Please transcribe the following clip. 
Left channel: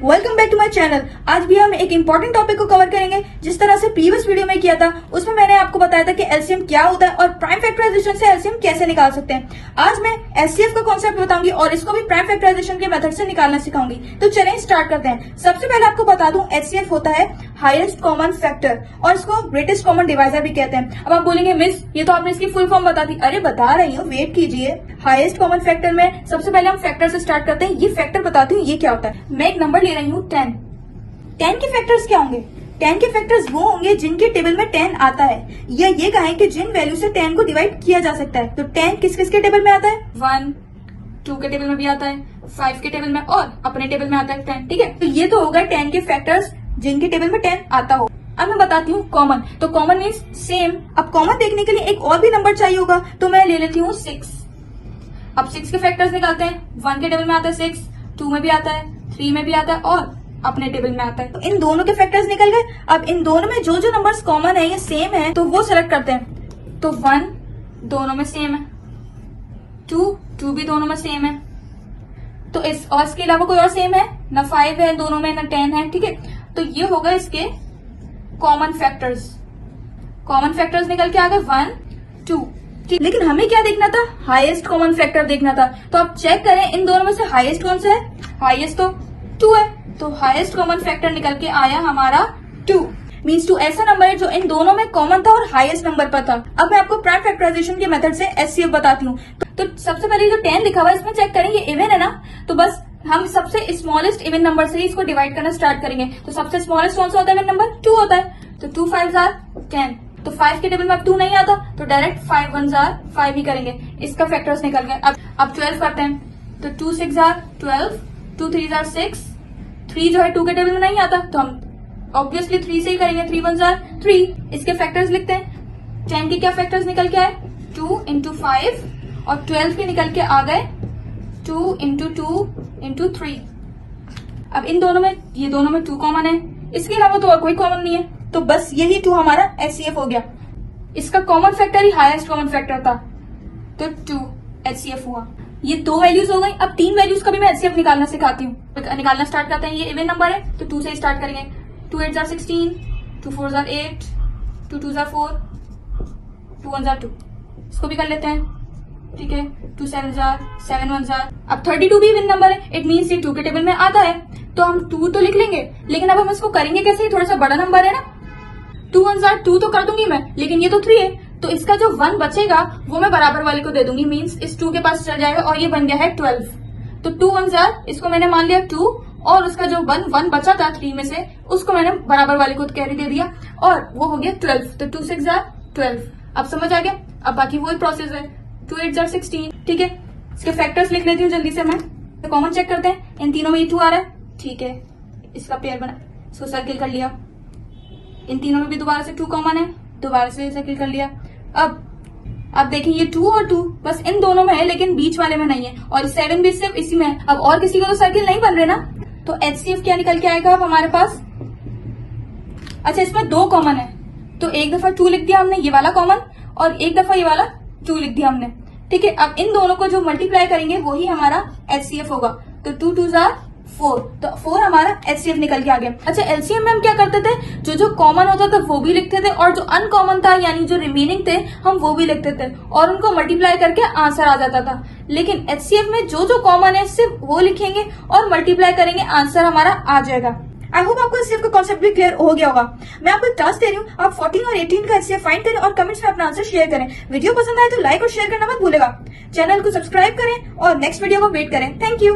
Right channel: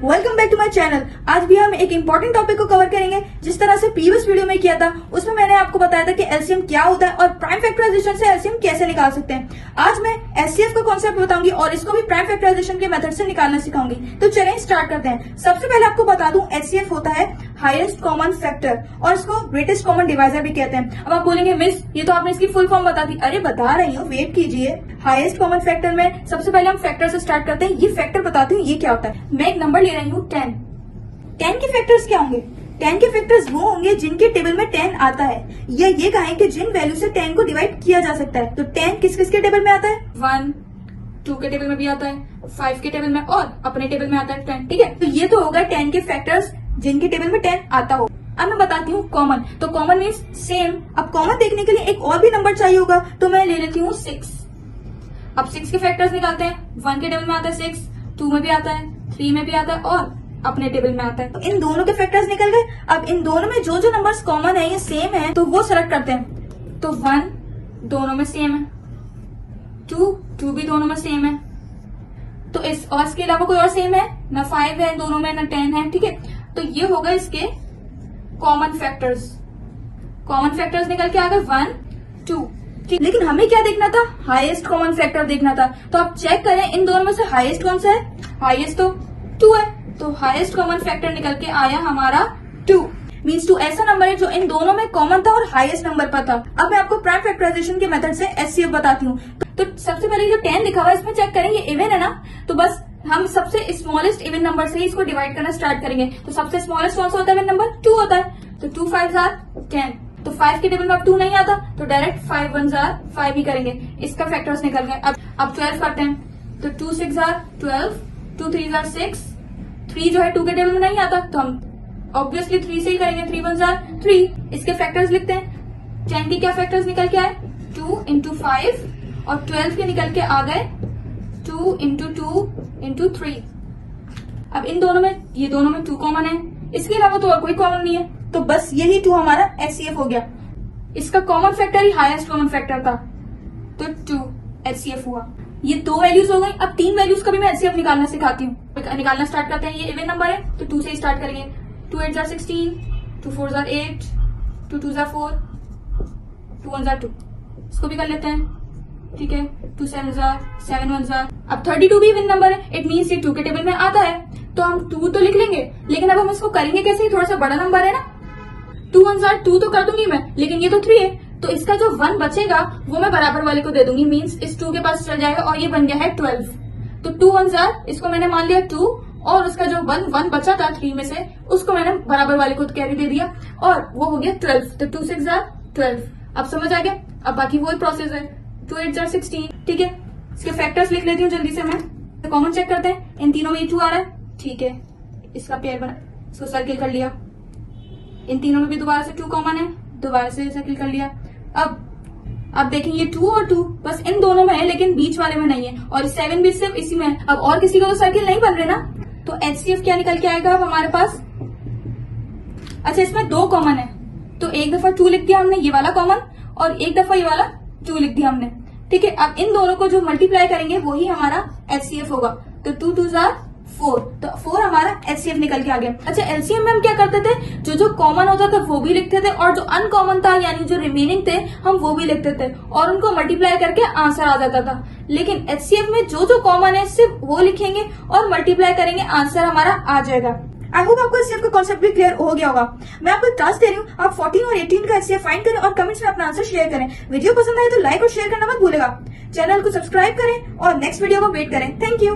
Welcome back to my channel. आज भी हम एक इम्पोर्टेंट टॉपिक को कवर करेंगे। जिस तरह से प्रीवियस वीडियो में किया था उसमें मैंने आपको बताया था कि एलसीएम क्या होता है और प्राइम फैक्टराइजेशन से एलसीएम कैसे निकाल सकते हैं। आज मैं एचसीएफ का कॉन्सेप्ट बताऊंगी और इसको भी प्राइम फैक्टराइजेशन के मेथड से निकालना सिखाऊंगी। तो चलें स्टार्ट करते हैं। सबसे पहले आपको बता दूं एचसीएफ होता है हाईएस्ट कॉमन फैक्टर और इसको ग्रेटेस्ट कॉमन डिवाइजर भी कहते हैं। अब आप बोलेंगे मिस ये तो आपने इसकी फुल फॉर्म बता दी। अरे बता रही हूँ, वेट कीजिए। हाईएस्ट कॉमन फैक्टर में सबसे पहले हम फैक्टर से स्टार्ट करते हैं। ये फैक्टर बताती हूँ ये क्या होता है। मैं एक नंबर ले रही हूँ 10। 10 के फैक्टर्स क्या होंगे? 10 के फैक्टर्स वो होंगे जिनके टेबल में 10 आता है, या ये कहें कि जिन वैल्यू से 10 को डिवाइड किया जा सकता है। तो 10 किस किस के टेबल में आता है? 1, 2 के टेबल में भी आता है, 5 के टेबल में और अपने टेबल में आता है 10। ठीक है, तो ये तो होगा 10 के फैक्टर्स जिनके टेबल में 10 आता हो। अब मैं बताती हूँ कॉमन। तो कॉमन मीन्स सेम। अब कॉमन देखने के लिए एक और भी नंबर चाहिए होगा, तो मैं ले लेती हूँ 6। अब 6 के फैक्टर्स निकालते हैं। 1 के टेबल में आता है 6, 2 में भी आता है, 3 में भी आता है और अपने टेबल में आता है। तो इन दोनों के फैक्टर्स निकल गए। अब इन दोनों में जो जो नंबर्स कॉमन है या सेम है तो वो सेलेक्ट करते हैं। तो 1 दोनों में सेम है, 2 भी दोनों में सेम है। तो इसके अलावा कोई और सेम है ना? 5 है दोनों में, ना 10 है। ठीक है, तो ये होगा इसके कॉमन फैक्टर्स। कॉमन फैक्टर्स निकल के आ गए 1, 2। लेकिन हमें क्या देखना था? हाईएस्ट कॉमन फैक्टर देखना था। तो आप चेक करें इन दोनों में से हाईएस्ट कौन सा है? हाईएस्ट तो 2 है। तो हाईएस्ट कॉमन फैक्टर निकल के आया हमारा 2। मीन्स 2 ऐसा नंबर है जो इन दोनों में कॉमन था और हाईएस्ट नंबर पर था। अब मैं आपको प्राइम फैक्टराइजेशन के मेथड से एचसीएफ बताती हूँ। तो सबसे पहले जो 10 लिखा हुआ है इसमें चेक करें, ये इवन है ना? तो बस हम सबसे स्मॉलेस्ट इवन नंबर से ही इसको डिवाइड करना स्टार्ट करेंगे। तो सबसे स्मॉलेस्ट कौन सा होता है इवन नंबर? 2 होता है। तो 2 5s are 10। तो 5 के टेबल में अब 2 नहीं आता तो डायरेक्ट 5 1s are 5 ही करेंगे। इसका फैक्टर्स निकल गए। अब 12 करते हैं। तो 2 6 are 12, 2 3s are 6। 3 जो है 2 के टेबल में नहीं आता तो हम ऑब्वियसली 3 से ही करेंगे। 3 1s are 3। इसके फैक्टर्स लिखते हैं। 10 के क्या फैक्टर्स निकल के आए? 2 into 5 और 12 के निकल के आ गए 2 into 2 into 3। अब इन दोनों में, ये दोनों में 2 कॉमन है, इसके अलावा तो और कोई कॉमन नहीं है। तो बस यही 2 हमारा एचसीएफ हो गया। इसका कॉमन फैक्टर ही हाईएस्ट कॉमन फैक्टर था तो 2 एचसीएफ हुआ। ये 2 वैल्यूज हो गई। अब 3 वैल्यूज का भी मैं एचसीएफ निकालना सिखाती हूँ। निकालना स्टार्ट करते हैं। ये इवन नंबर है तो 2 से स्टार्ट करेंगे। 2 8s are 16, 2 4s are 8, 2 2s are 4, 2 1s are 2। इसको भी कर लेते हैं। ठीक है, 2 7s are 7 1s are। अब 32 भी इवन नंबर है, इट मीन्स ये 2 के टेबल में आता है तो हम 2 तो लिख लेंगे। लेकिन अब हम इसको करेंगे कैसे? थोड़ा सा बड़ा नंबर है ना। 2 1s are 2 तो कर दूंगी मैं, लेकिन ये तो 3 है तो इसका जो 1 बचेगा वो मैं बराबर वाले को दे दूंगी। मीन्स इस 2 के पास चल जाएगा और ये बन गया है 12। तो 2 1s are, इसको मैंने मान लिया 2 और उसका जो 1 बचा था 3 में से उसको मैंने बराबर वाले को कैरी दे दिया और वो हो गया 12। तो 2 6 are 12। अब समझ आ गया? अब बाकी वही प्रोसेस है। 2 8s are 16। ठीक है, इसके फैक्टर्स लिख लेती हूँ जल्दी से मैं। कॉमन चेक करते हैं। इन तीनों में ये 2 आ रहा है। ठीक है, इसका पेयर बना, इसको सर्किल कर लिया। इन तीनों में भी दोबारा से 2 कॉमन है, दोबारा से सर्किल कर लिया। अब देखें ये 2 और 2 बस इन दोनों में है लेकिन बीच वाले में नहीं है और 7 भी सिर्फ इसी में है। अब और किसी का तो सर्किल नहीं बन रहे ना। तो एचसीएफ क्या निकल के आएगा अब हमारे पास? अच्छा, इसमें 2 कॉमन है तो एक दफा 2 लिख दिया हमने ये वाला कॉमन और एक दफा ये वाला 2 लिख दिया हमने। ठीक है, अब इन दोनों को जो मल्टीप्लाई करेंगे वही हमारा एचसीएफ होगा। तो 2 2s are 4। तो 4 हमारा एचसीएफ निकल के आ गया। अच्छा, एलसीएम में हम क्या करते थे? जो कॉमन होता था वो भी लिखते थे और जो अनकॉमन था यानी जो रिमेनिंग थे हम वो भी लिखते थे और उनको मल्टीप्लाई करके आंसर आ जाता था। लेकिन एचसीएफ में जो कॉमन है सिर्फ वो लिखेंगे और मल्टीप्लाई करेंगे, आंसर हमारा आ जाएगा। आई होप आपको एचसीएफ का कॉन्सेप्ट भी क्लियर हो गया होगा। मैं आपको एक टास्क दे रही हूँ, आप 14 और 18 का एचसीएफ फाइंड करें और कमेंट्स में अपना आंसर शेयर करें। वीडियो पसंद आए तो लाइक और शेयर करना मत भूलेगा। चैनल को सब्सक्राइब करें और नेक्स्ट वीडियो को वेट करें। Thank you.